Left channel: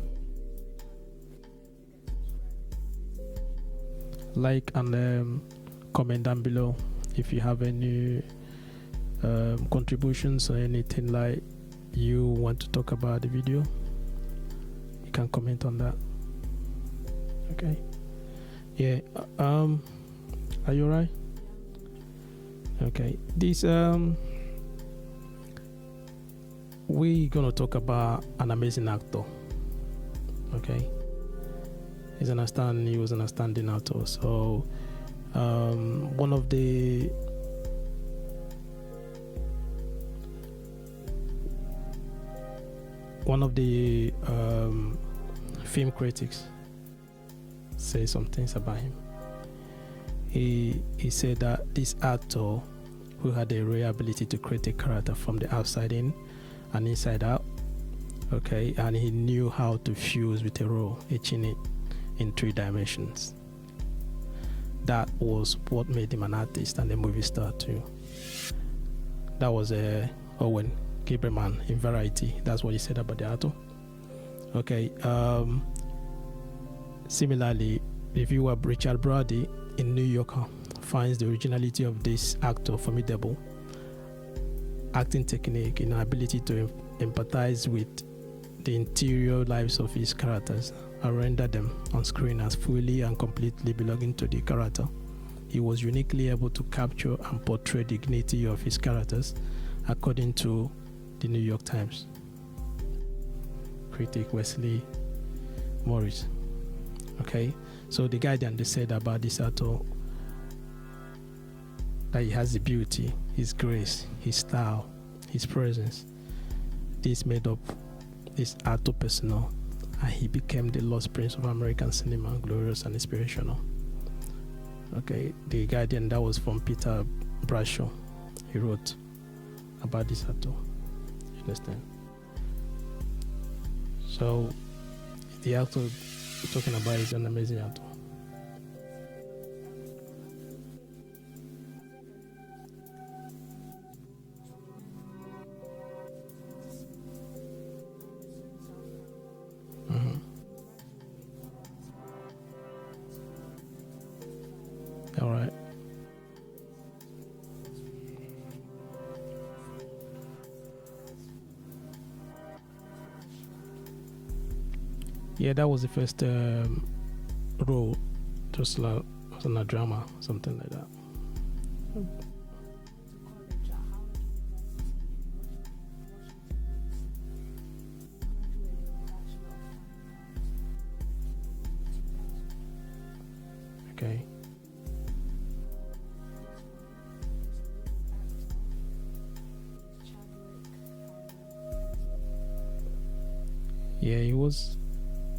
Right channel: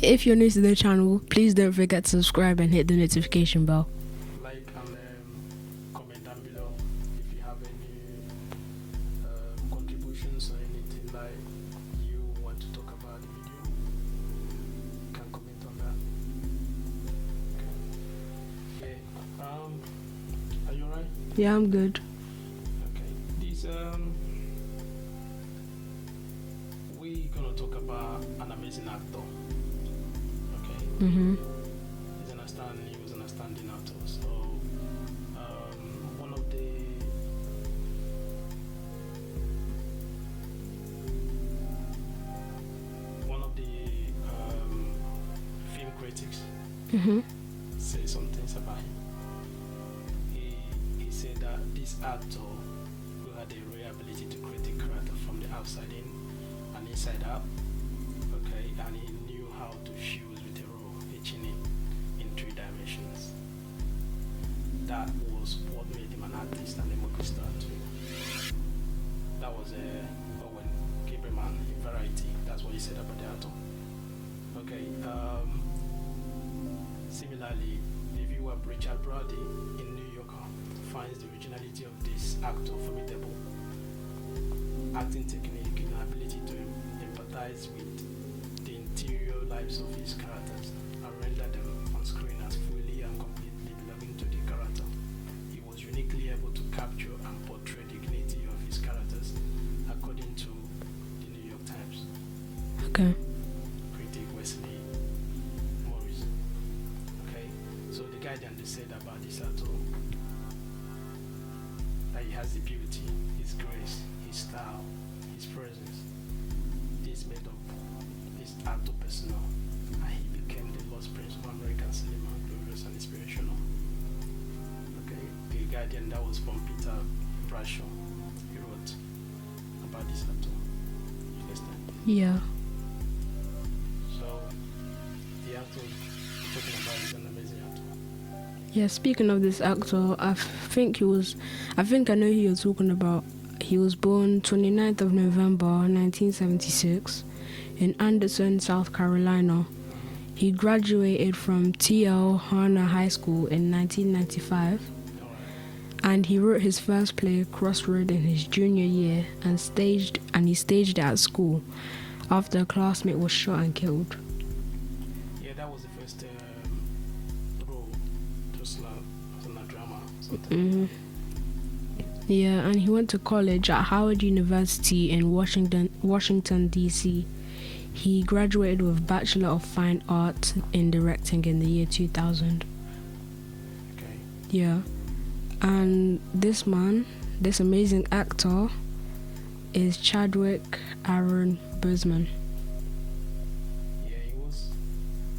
If you're new to the channel, please don't forget to subscribe and hit the notification bell. Like and comment down below if you have any contributions or anything like you want to talk about the video. You can comment on that. Okay. Yeah. Are you alright? Yeah, I'm good. Okay. This we're gonna talk about an amazing actor. Okay. He was an outstanding actor. So one of the film critics say some things about him. He said that this actor who had a rare ability to create a character from the outside in and inside out, okay, and he knew how to fuse with a role, etching it in 3 dimensions. That was what made him an artist and a movie star too. That was Owen Gilberman in Variety. That's what he said about the actor. Okay. Similarly, reviewer Richard Brady in New Yorker finds the originality of this actor formidable. Acting technique and ability to empathize with the interior lives of his characters and render them on screen as fully and completely belonging to the character. He was uniquely able to capture and portray the dignity of his characters, according to the New York Times. Okay. Critic Wesley Morris. Okay, so the Guardian, they said about this actor that he has the beauty, his grace, his style, his presence. This made up his actor persona, and he became the lost prince of American cinema, glorious and inspirational. Okay, the Guardian, that was from Peter Bradshaw. He wrote about this actor. You understand? Yeah. So the actor we're talking about is an amazing actor. Yeah, speaking of this actor, I think I know who you're talking about. He was born 29th of November 1976 in Anderson, South Carolina. He graduated from T.L. Harner High School in 1995. All right. And he wrote his first play, Crossroad, in his junior year and he staged it at school after a classmate was shot and killed. Yeah, that was the first role, just like on a drama, something like that. Yeah, and he went to college at Howard University in Washington, D.C. He graduated with Bachelor of Fine Arts in Directing in the year 2000. Okay. Yeah. And this amazing actor, is Chadwick Aaron Boseman. Yeah, he was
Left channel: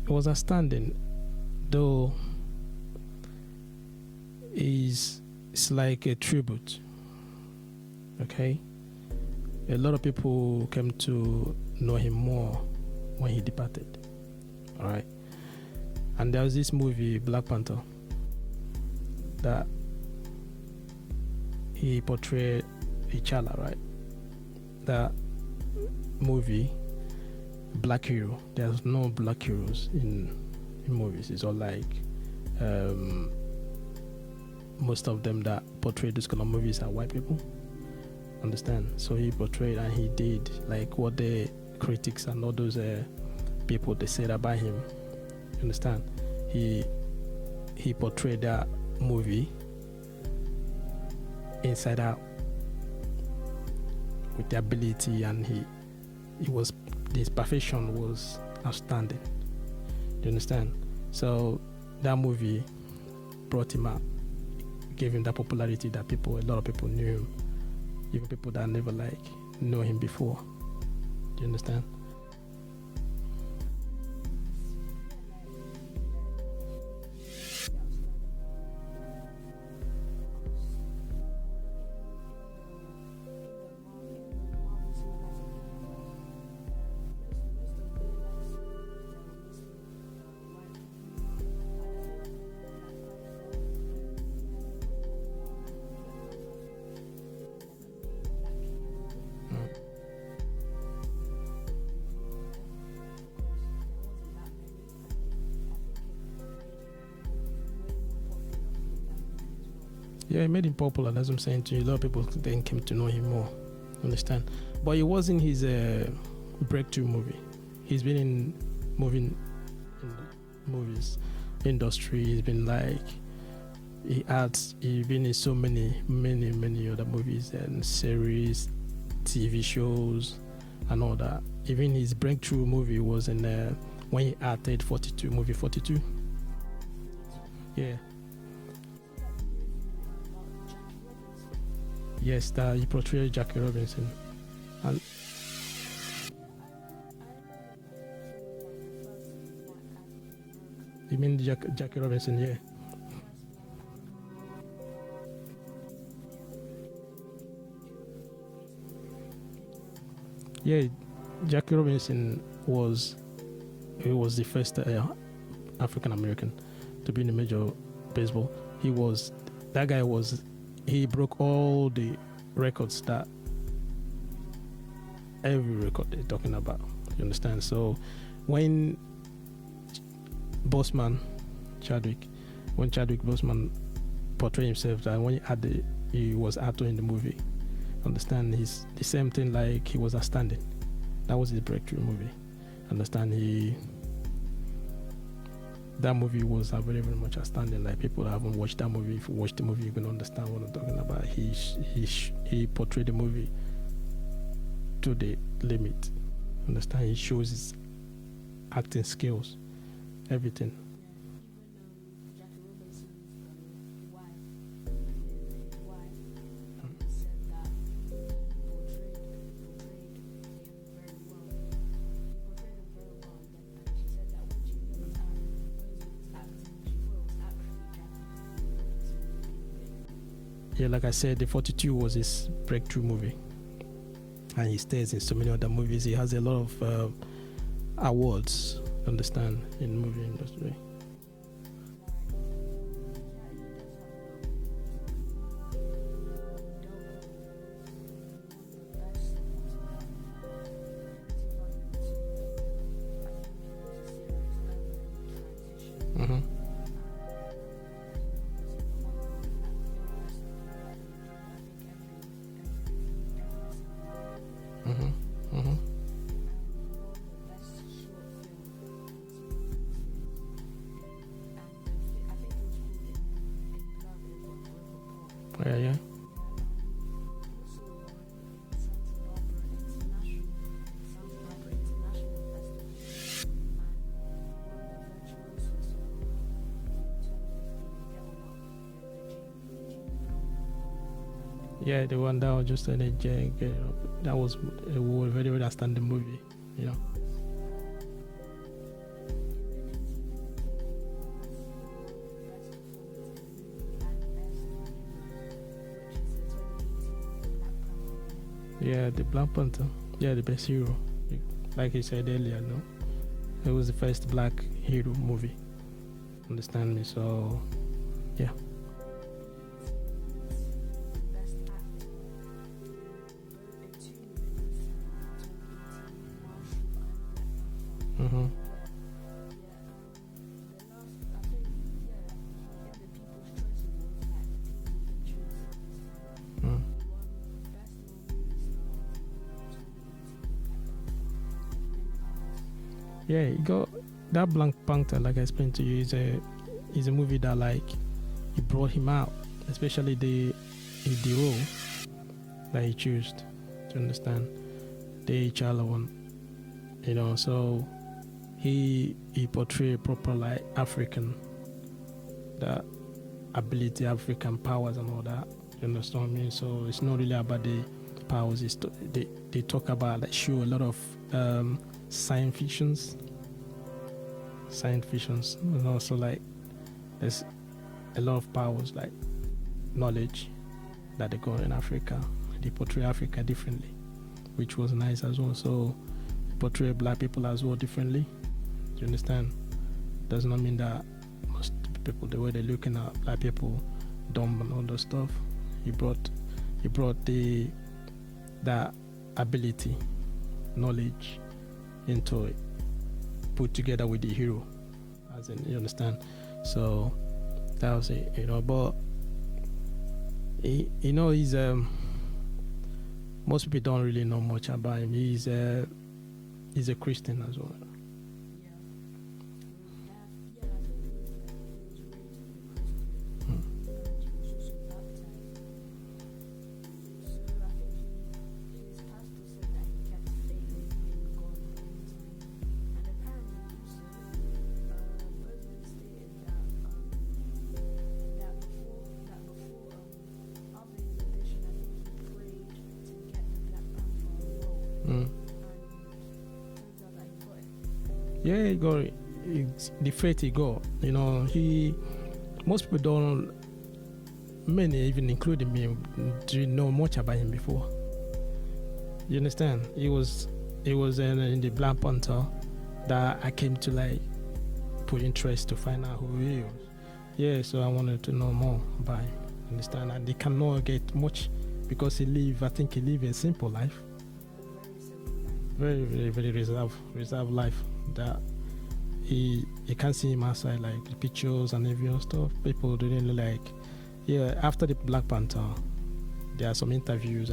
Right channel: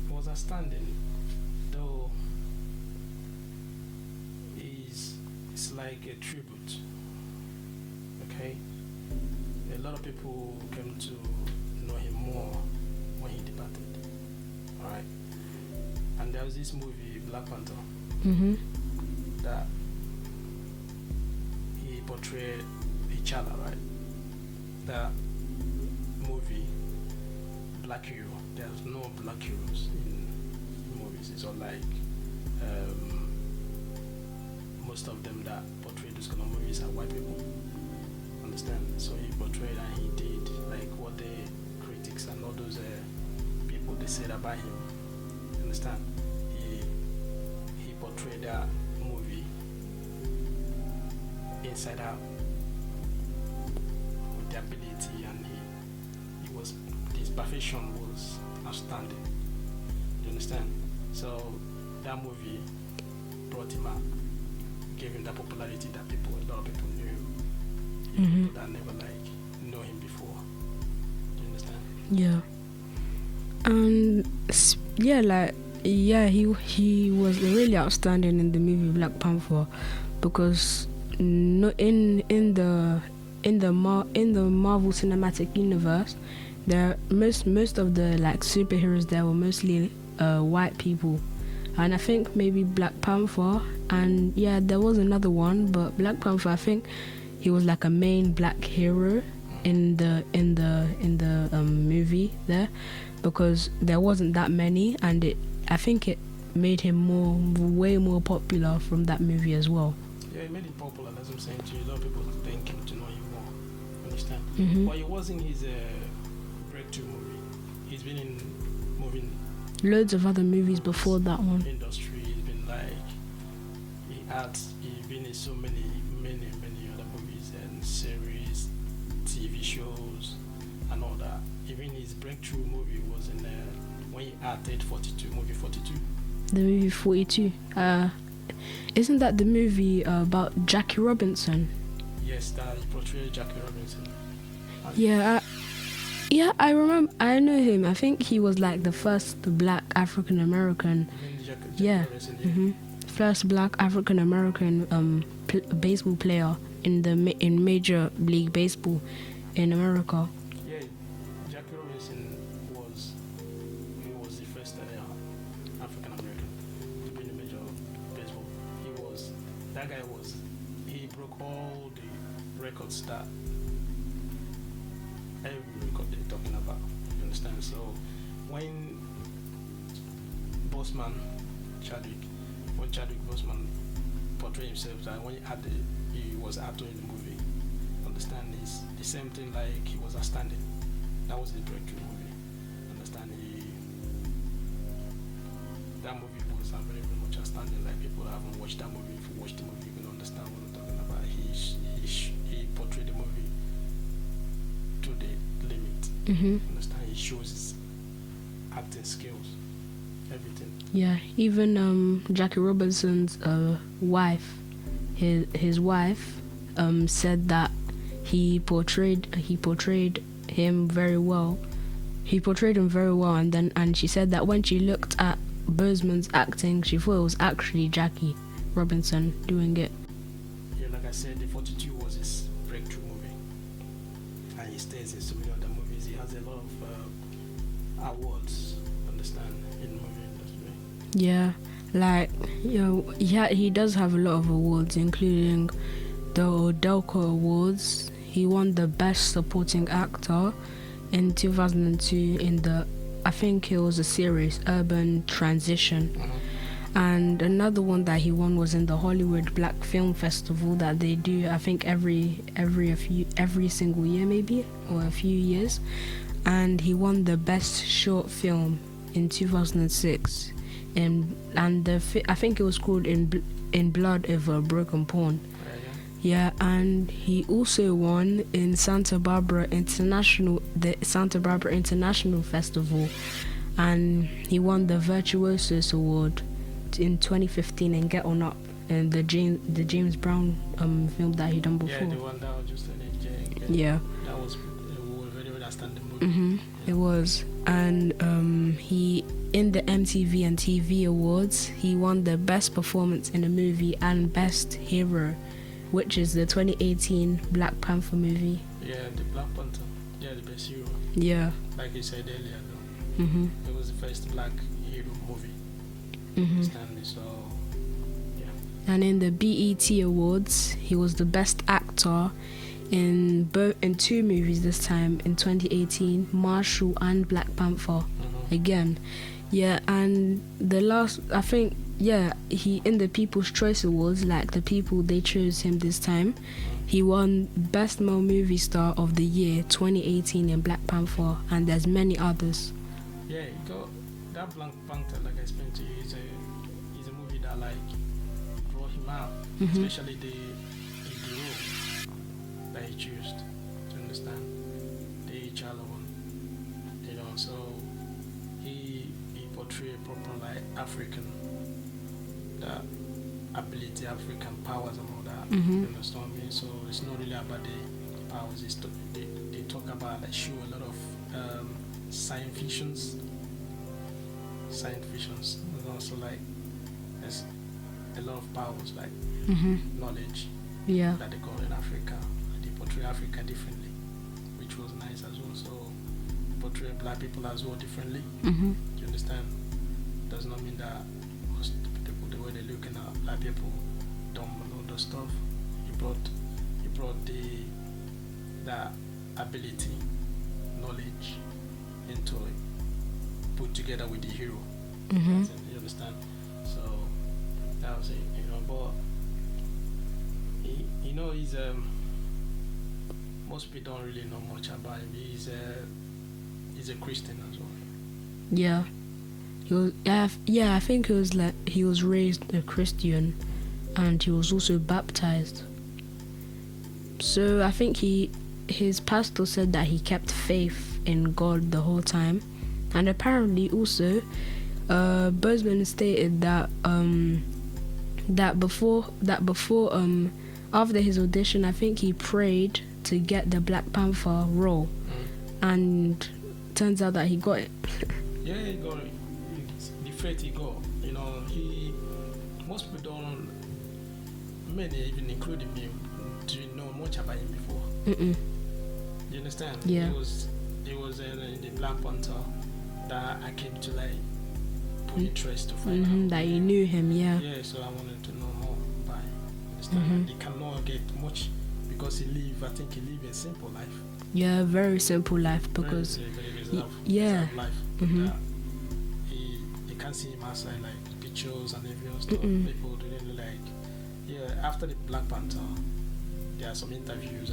outstanding, though it's like a tribute. Okay, a lot of people came to know him more when he departed. All right, and there was this movie Black Panther that he portrayed T'Challa, right? That movie, black hero. There's no black heroes in movies. It's all like most of them that portray those kind of movies are white people. Understand? So he portrayed and he did like what the critics and all those people they said about him. Understand? He portrayed that movie inside out with the ability, and his perfection was outstanding. You understand? So that movie brought him out, gave him that popularity that a lot of people knew him, even people that never know him before. Do you understand? Yeah. And he was really outstanding in the movie Black Panther, because in the Marvel Cinematic Universe, most of the superheroes there were mostly white people, and I think maybe Black Panther, and there was another one, but Black Panther, I think he was like a main black hero, in the movie there, because there wasn't that many, and I think it made him way more popular from that movie as well. Yeah, it made him popular. That's what I'm saying to you. A lot of people then came to know him more. Understand? Mm-hmm. But it wasn't his breakthrough movie. He's been in moving loads of other movies before that one. Industry. He's been like, he's been in so many other movies and series, TV shows, and all that. Even his breakthrough movie was in when he acted 42, movie 42. The movie 42. Isn't that the movie about Jackie Robinson? Yes, that he portrayed Jackie Robinson. Yeah, I remember. I know him. I think he was like the first Black African American. You mean Jackie Robinson? Yeah. Mm-hmm. First Black African American baseball player in Major League Baseball in America. Yeah, Jackie Robinson was the first African American to be in the Major Baseball. He broke all the records that every record they're talking about. You understand? So when Chadwick Boseman portrayed himself, that when he was actor in the movie, understand, he's the same thing like he was outstanding. That was his breakthrough movie. Understand, that movie was very, very much outstanding. Like, people haven't watched that movie. If you watch the movie, you can understand what I'm talking about. He portrayed the movie to the limit. Mm-hmm. Understand? He shows his acting skills, everything. Yeah, even Jackie Robinson's wife, his wife, said that he portrayed him very well. He portrayed him very well, and she said that when she looked at Boseman's acting, she thought it was actually Jackie Robinson doing it. Yeah, like I said, the 42 was his breakthrough movie, and he stays in so many other movies. He has a lot of awards, understand, in the movie industry. Yeah, like, he does have a lot of awards, including the Odelko Awards. He won the Best Supporting Actor in 2002 in the, I think it was a series, Urban Transition. Mm-hmm. And another one that he won was in the Hollywood Black Film Festival that they do, I think every single year maybe, or a few years. And he won the Best Short Film in 2006, and I think it was called In Blood Over Broken Pawn. Yeah, and he also won in the Santa Barbara International Festival, and he won the Virtuosos Award in 2015 in Get On Up, and the James Brown film that he done before. Yeah, the one that was just yeah, that was a very, very outstanding movie. Mm-hmm. Yeah. It was. And he, in the MTV and TV Awards, he won the Best Performance in a Movie and Best Hero, which is the 2018 Black Panther movie. Yeah, the Black Panther. Yeah, the best hero. Yeah. Like you said earlier, no? Mm-hmm. It was the first black hero movie. Mm-hmm. Understand me? So, yeah. And in the BET Awards, he was the Best Actor in two movies this time, in 2018, Marshall and Black Panther. Again. Yeah, and the last, I think, he, in the People's Choice Awards, like the people, they chose him this time. He won Best Male Movie Star of the Year 2018 in Black Panther, and there's many others. Yeah, he got that Black Panther, like I explained to you, is a movie that, like, it brought him out, especially the role that he chose. To understand, the Chala one, so he portrayed proper, like, African, that ability, African powers and all that. You understand what I mean? So it's not really about the powers. They talk about, like, show a lot of science fictions, and also, like, there's a lot of powers, like knowledge, that they got in Africa. They portray Africa differently, which was nice as well. So portray black people as well differently. Do you understand? Does not mean that most people, the way they're looking at black people, dumb and all that stuff. He brought that ability, knowledge into it, put together with the hero. You understand? So that was it, but he's most people don't really know much about him. He's a Christian as well. Yeah. He was, I think it was like he was raised a Christian, and he was also baptized. So I think his pastor said that he kept faith in God the whole time, and apparently also, Boseman stated that before after his audition, I think he prayed to get the Black Panther role, and turns out that he got it. Yeah, he got it. It's the faith he got. Most people don't. Many, even including me, didn't know much about him before. You understand? Yeah. It was in the Black Panther that I came to put interest to find out that you knew him. Yeah, so I wanted to know more about him. Understand? And he cannot get much because he live a simple life. Yeah, very simple life, because very reserved life. That you can't see him outside the pictures and everything stuff. People didn't after the Black Panther, there are some interviews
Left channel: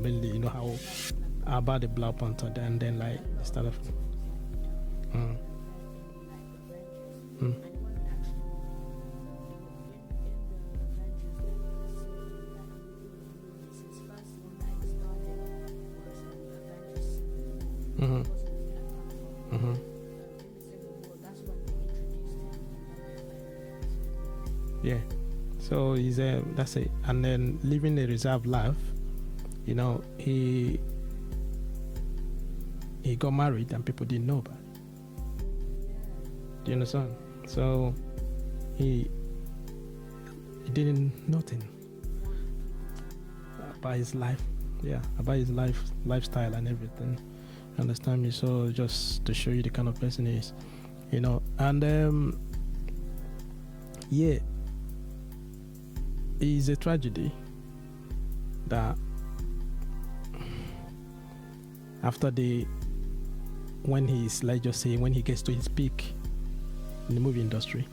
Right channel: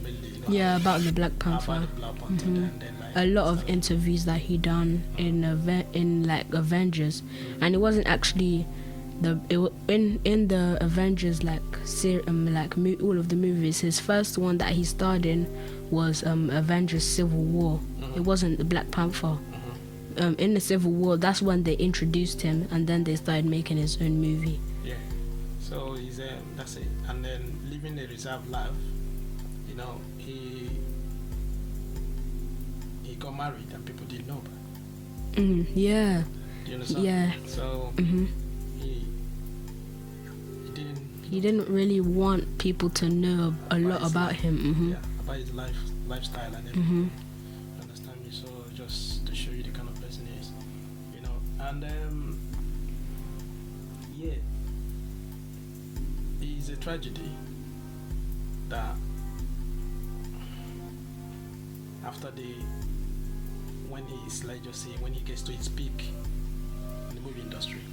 mainly about the Black Panther. And then a lot of interviews that he done in Avengers, and it wasn't actually in the Avengers all of the movies. His first one that he starred in was Avengers Civil War. It wasn't the Black Panther. In the Civil War, that's when they introduced him, and then they started making his own movie. Yeah. So he's that's it. And then living a reserved life, he got married and people didn't know about. Yeah. Do you understand? Yeah. So he didn't. He didn't really want people to know a lot about him. Yeah, about his lifestyle and everything. Understand me? So just to show you the kind of person he is, and it's a tragedy that after when he gets to his peak in the movie industry,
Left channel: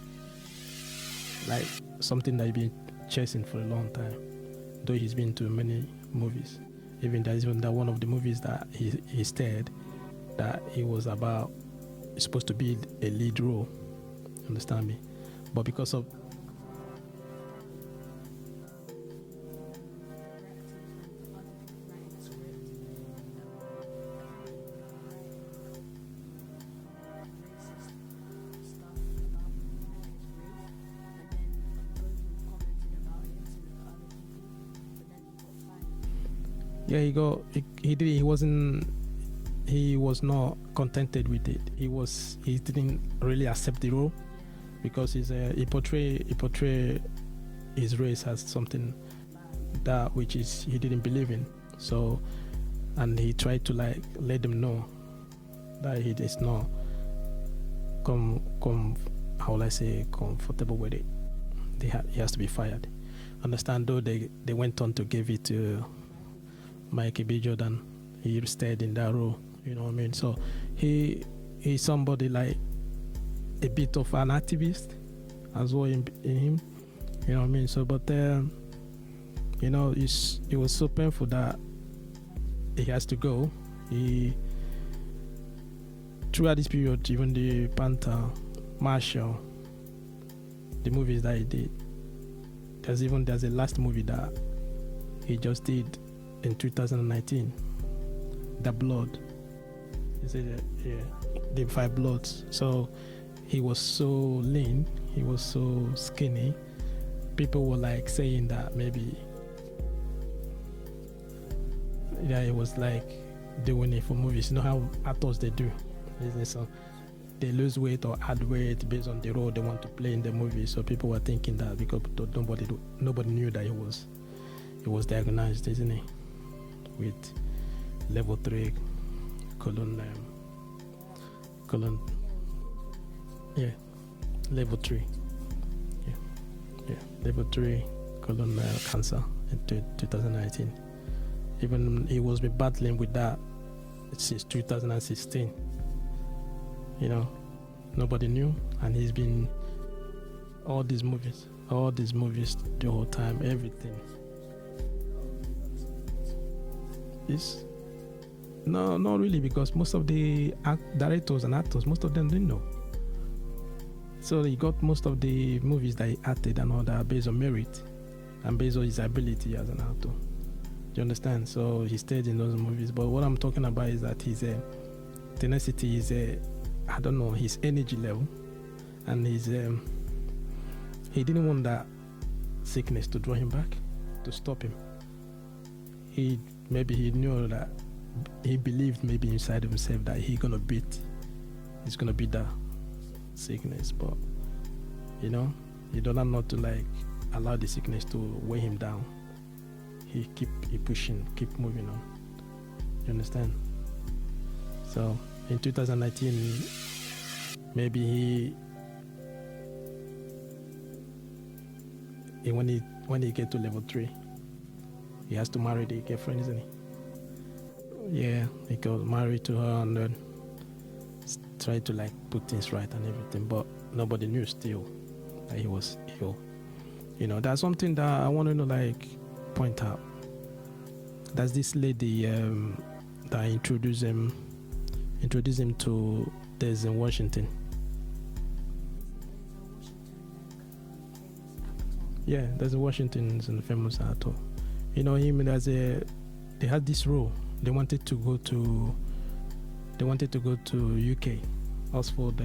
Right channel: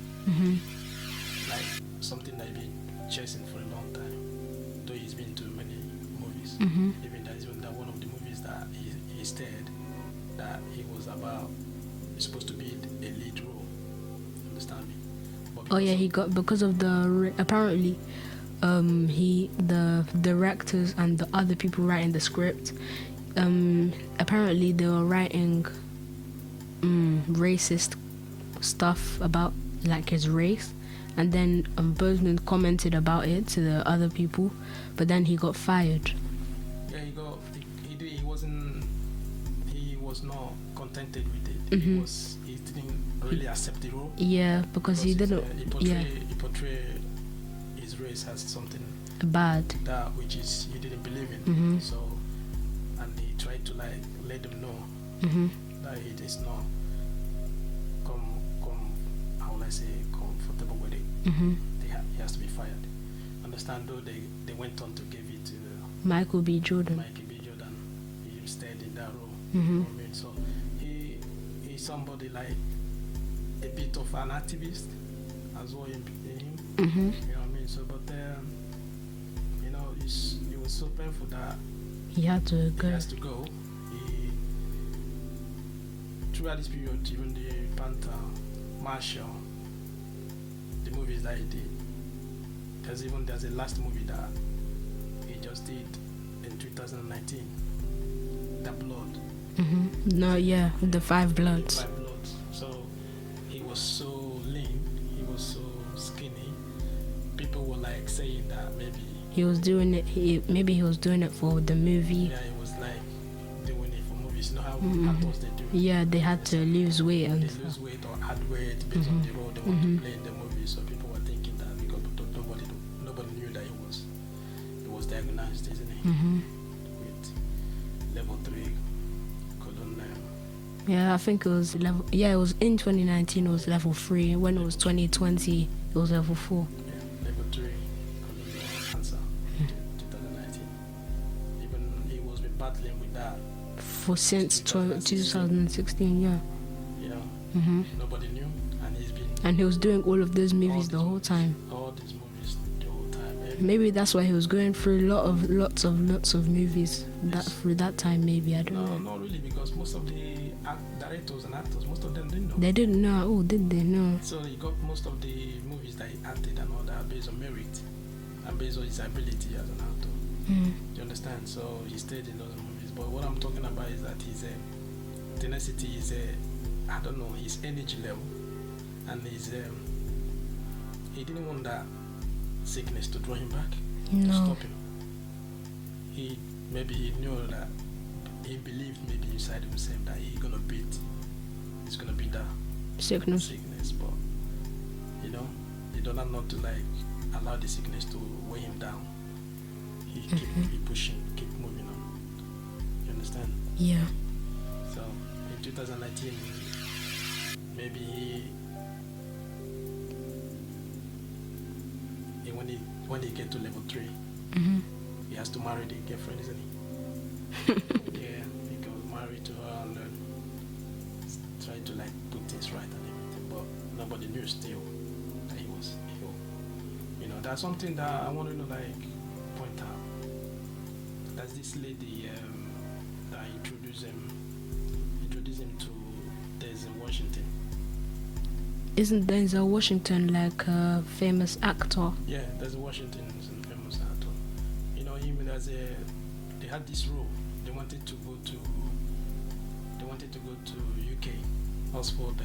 something that he's been chasing for a long time, though he's been to many movies. Even that one of the movies that he starred, that he was it's supposed to be a lead role. Understand me? But because of the apparently the directors and the other people writing the script, apparently they were writing racist stuff about his race, and then Boseman commented about it to the other people, but then he got fired. Yeah, he was not contented with it. He didn't really accept the role. Yeah, because he didn't. He portrayed his race as something bad, that which is he didn't believe in. So, and he tried to let them know that he is not how will I say comfortable with it. He has to be fired. Understand? Though they went on to give it to Michael B. Jordan. He stayed in that role. You know what I mean? So he's somebody a bit of an activist as well in him. You know what I mean? So but it was so painful that he has to go. Throughout this period, even the Panther, Marshall, the movies that he did, there's a last movie that he just did in 2019, The Blood. The Five Bloods. The Five Bloods. So he was so lean, he was so skinny. People were saying that maybe he was doing it. Maybe he was doing it for the movie. Yeah, it was doing it for movies. You know how actors they do. Yeah, they had to lose weight. They lose weight or add weight based on the role they want to play in the movie. So people were thinking that because nobody knew that he was diagnosed, isn't it, with level 3 colon. Yeah, I think it was level. Yeah, it was in 2019. It was level 3. When it was 2020, it was level 4. Yeah, level 3 colon cancer in 2019. Even he was been battling with that For since 2016. 2016, yeah. You know, nobody knew, and he's been. And he was doing all of those movies the whole movies, time. All these movies the whole time. Everything. Maybe that's why he was going through lots of movies through that time. Maybe I don't know. No, not really, because most of the directors and actors, most of them didn't know. They didn't know. Oh, did they know? So he got most of the movies that he acted and all that based on merit and based on his ability as an actor. Do you understand? So he stayed in those movies. But what I'm talking about is that his tenacity is I don't know, his energy level, and his he didn't want that sickness to draw him back, to stop him. He knew that, he believed maybe inside of himself that he's gonna beat that sickness. But you know, he don't not to like allow the sickness to weigh him down. He keep pushing, keep moving on. You understand? Yeah. So in 2019, maybe when he get to level 3, he has to marry the girlfriend, isn't he? Yeah, he got married to her and then try to like put things right and everything, but nobody knew still that he was ill. You know, that's something that I want to like point out. That's this lady that introduced him to Denzel Washington. Isn't Denzel Washington like a famous actor? Yeah, Denzel Washington is a famous actor. You know him as they had this role. They wanted to go to UK, Oxford.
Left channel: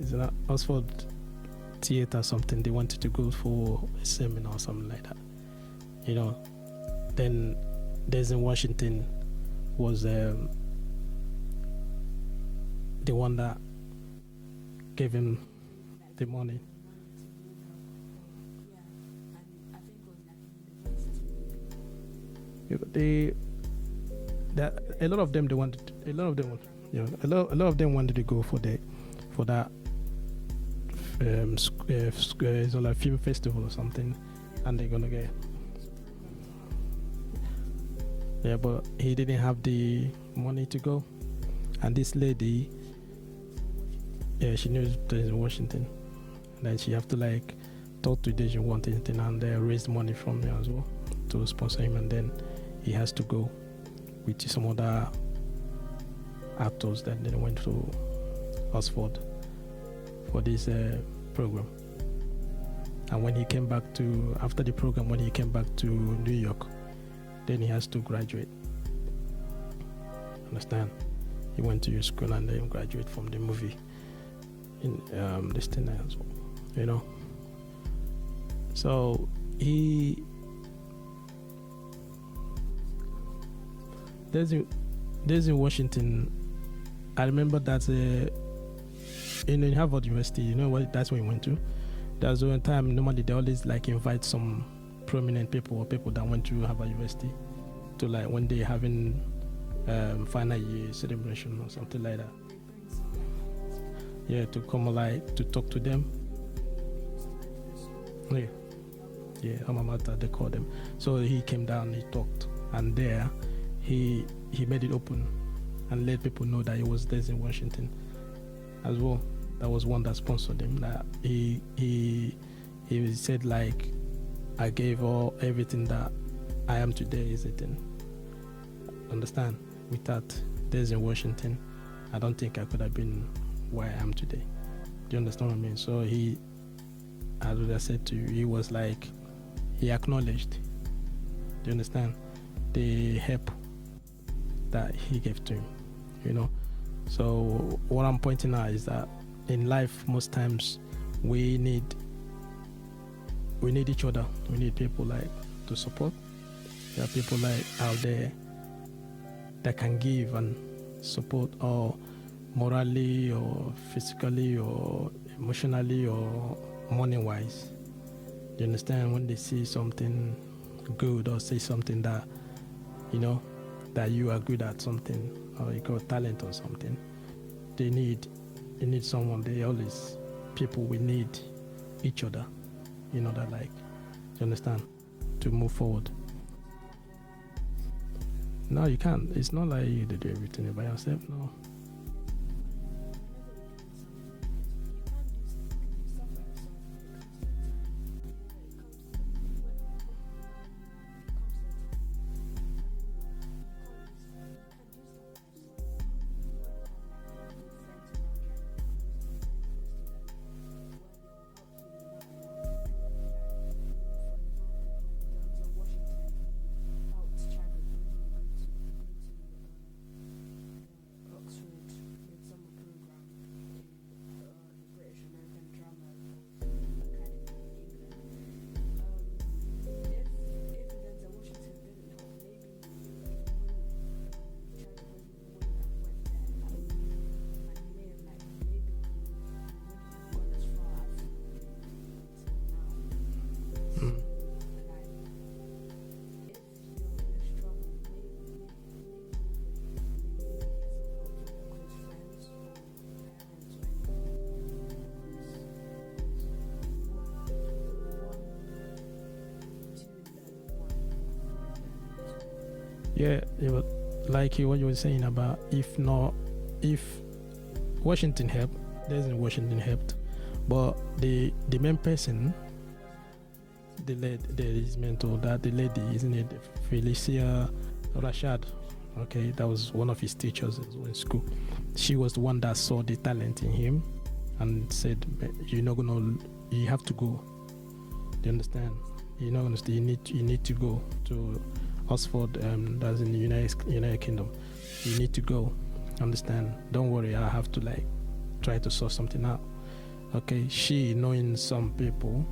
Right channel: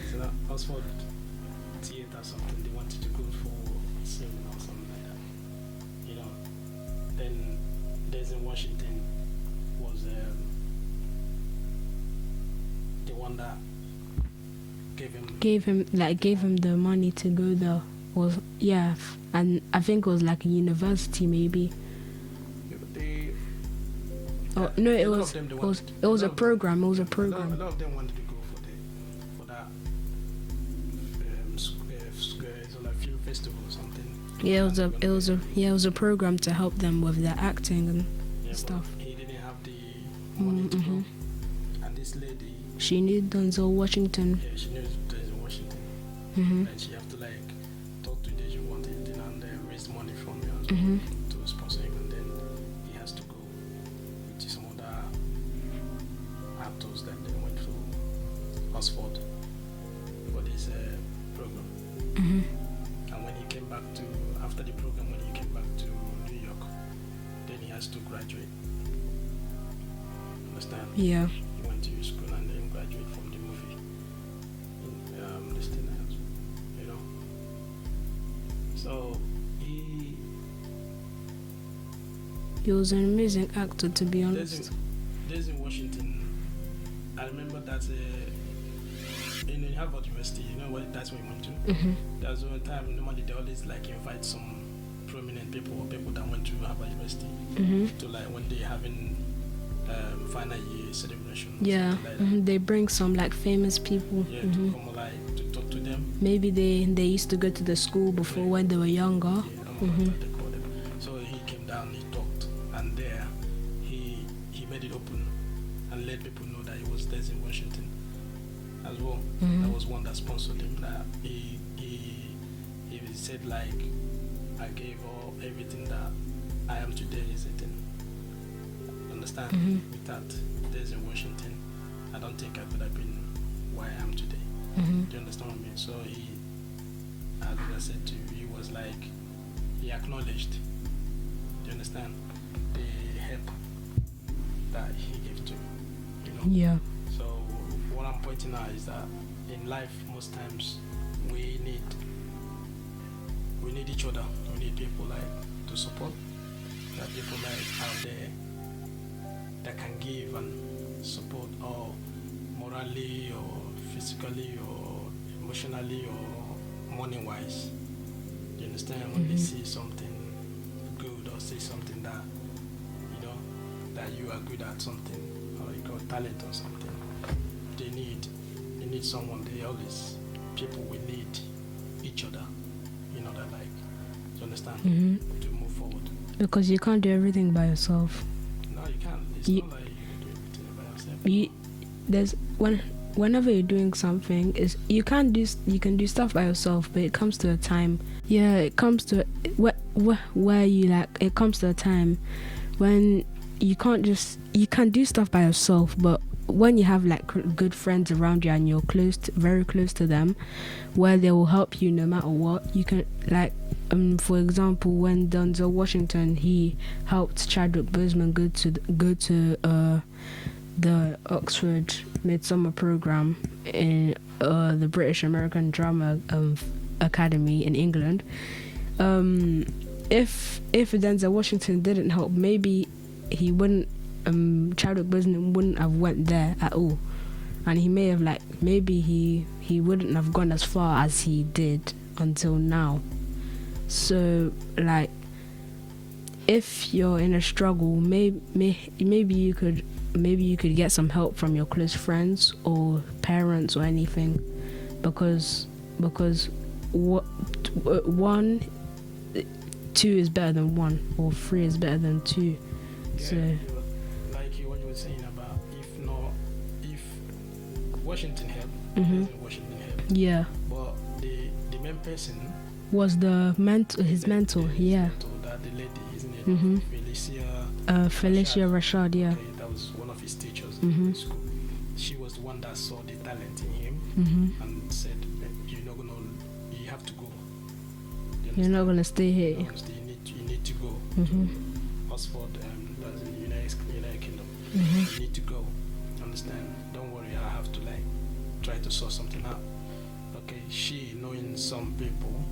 Is it not Oxford Theatre or something? They wanted to go for a seminar or something like that. You know, then Denzel Washington was the one that gave him the money to go there. And I think it was like a university maybe. It was a program. A lot of them wanted to go for that it's like film festival or something. Yeah, it was a program to help them with their acting and stuff. But he didn't have the money to go. And this lady, she knew Denzel Washington. Yeah, she knew Denzel Washington. Like she have to like talk to Denzel Washington and raise money from me as well to sponsor him, and then he has to go with some other actors that they went to Oxford for this program. And when he came back after the program, when he came back to New York, then he has to graduate. Understand? Yeah. He went to school and then graduate from the movie in this thing as well. You know. So he was an amazing actor, to be honest. There's in Washington. I remember that in Harvard University, you know what? That's when we went to. That's one time. Normally, they always like invite some prominent people or people that went to Harvard University to like when they having final year celebration or something like that. They bring some like famous people. Yeah, to come like to talk to them. Maybe they used to go to the school before when they were younger. Yeah, they call them. So he came down, he talked, and there he made it open and let people know that it was Denzel Washington as well. That was one that sponsored him. That he said like, I gave everything that I am today is it. Understand? Without Denzel Washington, I don't think I could have been where I am today. Do you understand what I mean? So he, as I said to you, he was like, he acknowledged. Do you understand? The help that he gave to him, you know? Yeah. So what I'm pointing out is that in life, most times we need each other. We need people like to support. There are people like out there that can give and support, or morally or physically or emotionally or money wise. You understand? When they see something good or say something that, you know, that you are good at something, or you got talent or something, they need someone. People will need each other, you know, that like, you understand, to move forward. Because you can't do everything by yourself. No, you can't. It's not like you do everything by yourself. There's whenever you're doing something, is you can do stuff by yourself, but it comes to a time. Yeah, it comes to where you like. It comes to a time when you can do stuff by yourself, but when you have like good friends around you and you're very close to them, where they will help you no matter what, you can like. For example, when Denzel Washington, he helped Chadwick Boseman go to the Oxford Midsummer Program in the British American Drama Academy in England. If Denzel Washington didn't help, maybe he wouldn't. Chadwick Boseman wouldn't have went there at all, and he may have maybe he wouldn't have gone as far as he did until now. So like, if you're in a struggle, maybe you could get some help from your close friends or parents or anything, because two is better than one, or three is better than two. Yeah, so, like what you were saying about if Washington helped, Washington helped. Yeah. But the main person was his mentor. His mentor, that the lady, isn't it? Felicia Rashad. Yeah. Okay, that was one of his teachers in school. She was the one that saw the talent in him and said, you have to go. You're not gonna stay here. You're not gonna stay. You need to go to Oxford. That's in the United Kingdom. You need to go. Understand? Don't worry. I have to try to sort something out. Okay. She, knowing some people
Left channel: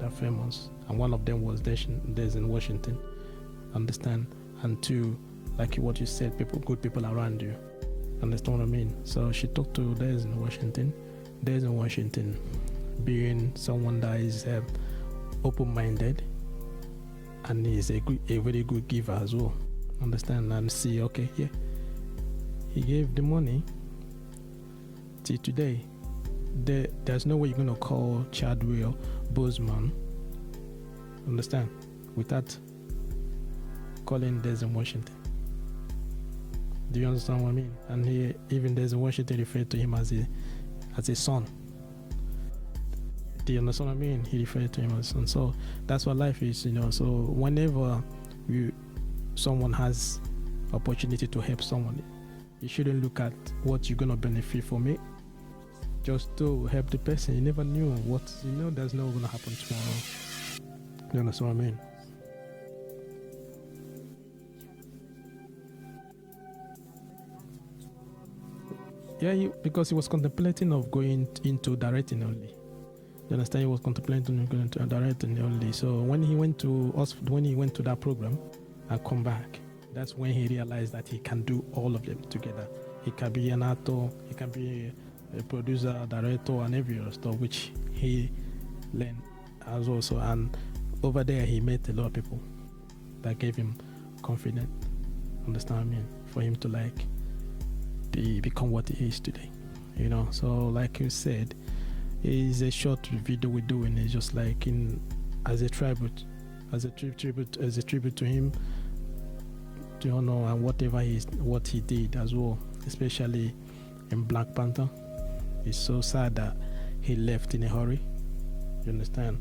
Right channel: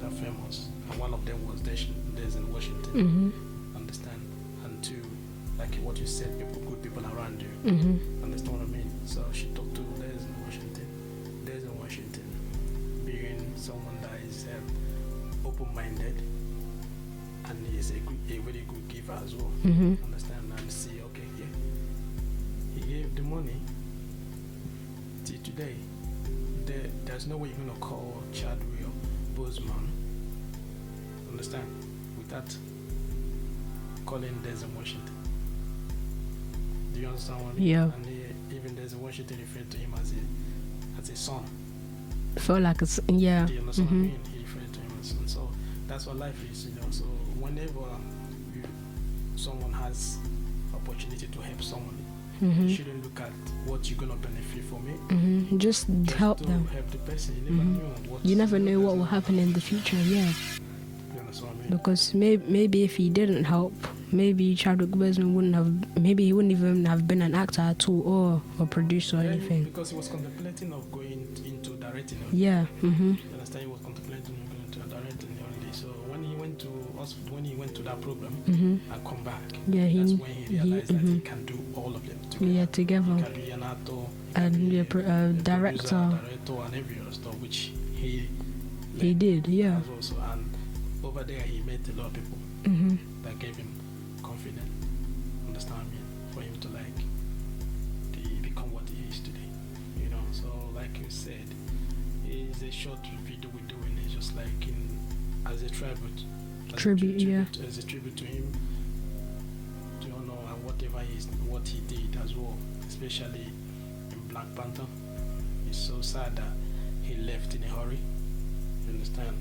that are famous, and one of them was there's in Washington. Understand? And two, like what you said, good people around you. Understand what I mean? So she talked to there's in Washington. There's in Washington, being someone that is open-minded and is a very good giver as well. Understand? And see, okay, yeah, he gave the money. Till today, there's no way you're gonna call Chadwick Boseman, understand, without calling Denzel Washington. Do you understand what I mean? Yeah. And even Denzel Washington referred to him as a son. Felt like yeah. Do you understand what I mean? He referred to him as a son. So that's what life is, So whenever someone has opportunity to help someone, you shouldn't look at what you're gonna benefit from it. Just help them. Help the person. You never knew what. You never know what will happen in the future. Yeah. You understand what I mean? Because maybe if he didn't help, maybe Chadwick Boseman he wouldn't even have been an actor at all, or a producer or anything. Because he was contemplating of going into directing only. Yeah. You understand? He was contemplating of going into directing only. So when he went to Oxford, when he went to that program and come back, that's when he realized that he can do all of them together. Yeah, together. He can be an actor, he can be a director, and every other stuff, which he did. Yeah. As well. So, and over there, he met a lot of people that gave him confidence. Understand what I mean? For him to become what he is today. So like you said, it's a short video we're doing. It's just as a tribute, as a tribute to him. And what he did as well, especially in Black Panther. It's so sad that he left in a hurry. You understand?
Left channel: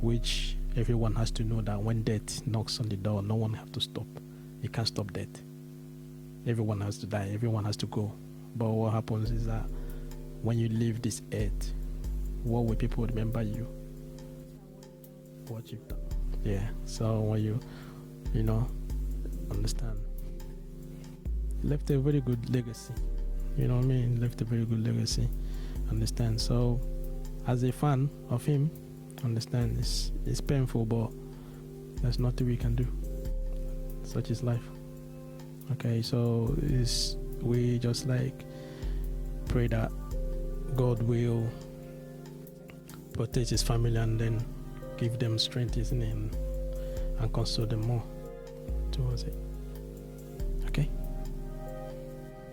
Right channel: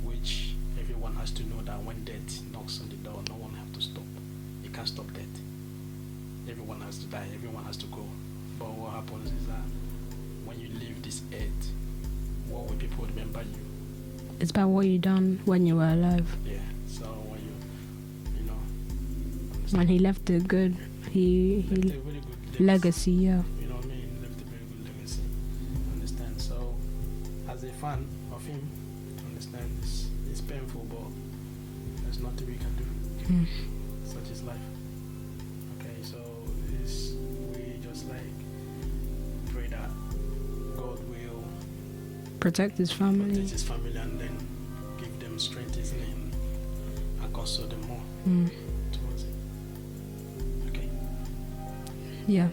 Which everyone has to know that when death knocks on the door, no one has to stop. You can't stop death. Everyone has to die. Everyone has to go. But what happens is that when you leave this earth, what will people remember you? It's about what you done when you were alive. Yeah. So when you understand. And he left a good. He left a very good legacy. Yeah. You know what I mean? Left a very good legacy. Understand? So, as a fan of him, understand it's painful, but there's nothing we can do. Such is life. Okay, so we just pray that God will protect his family, and then give them strength, isn't it, and console them more towards it. Okay. Yeah.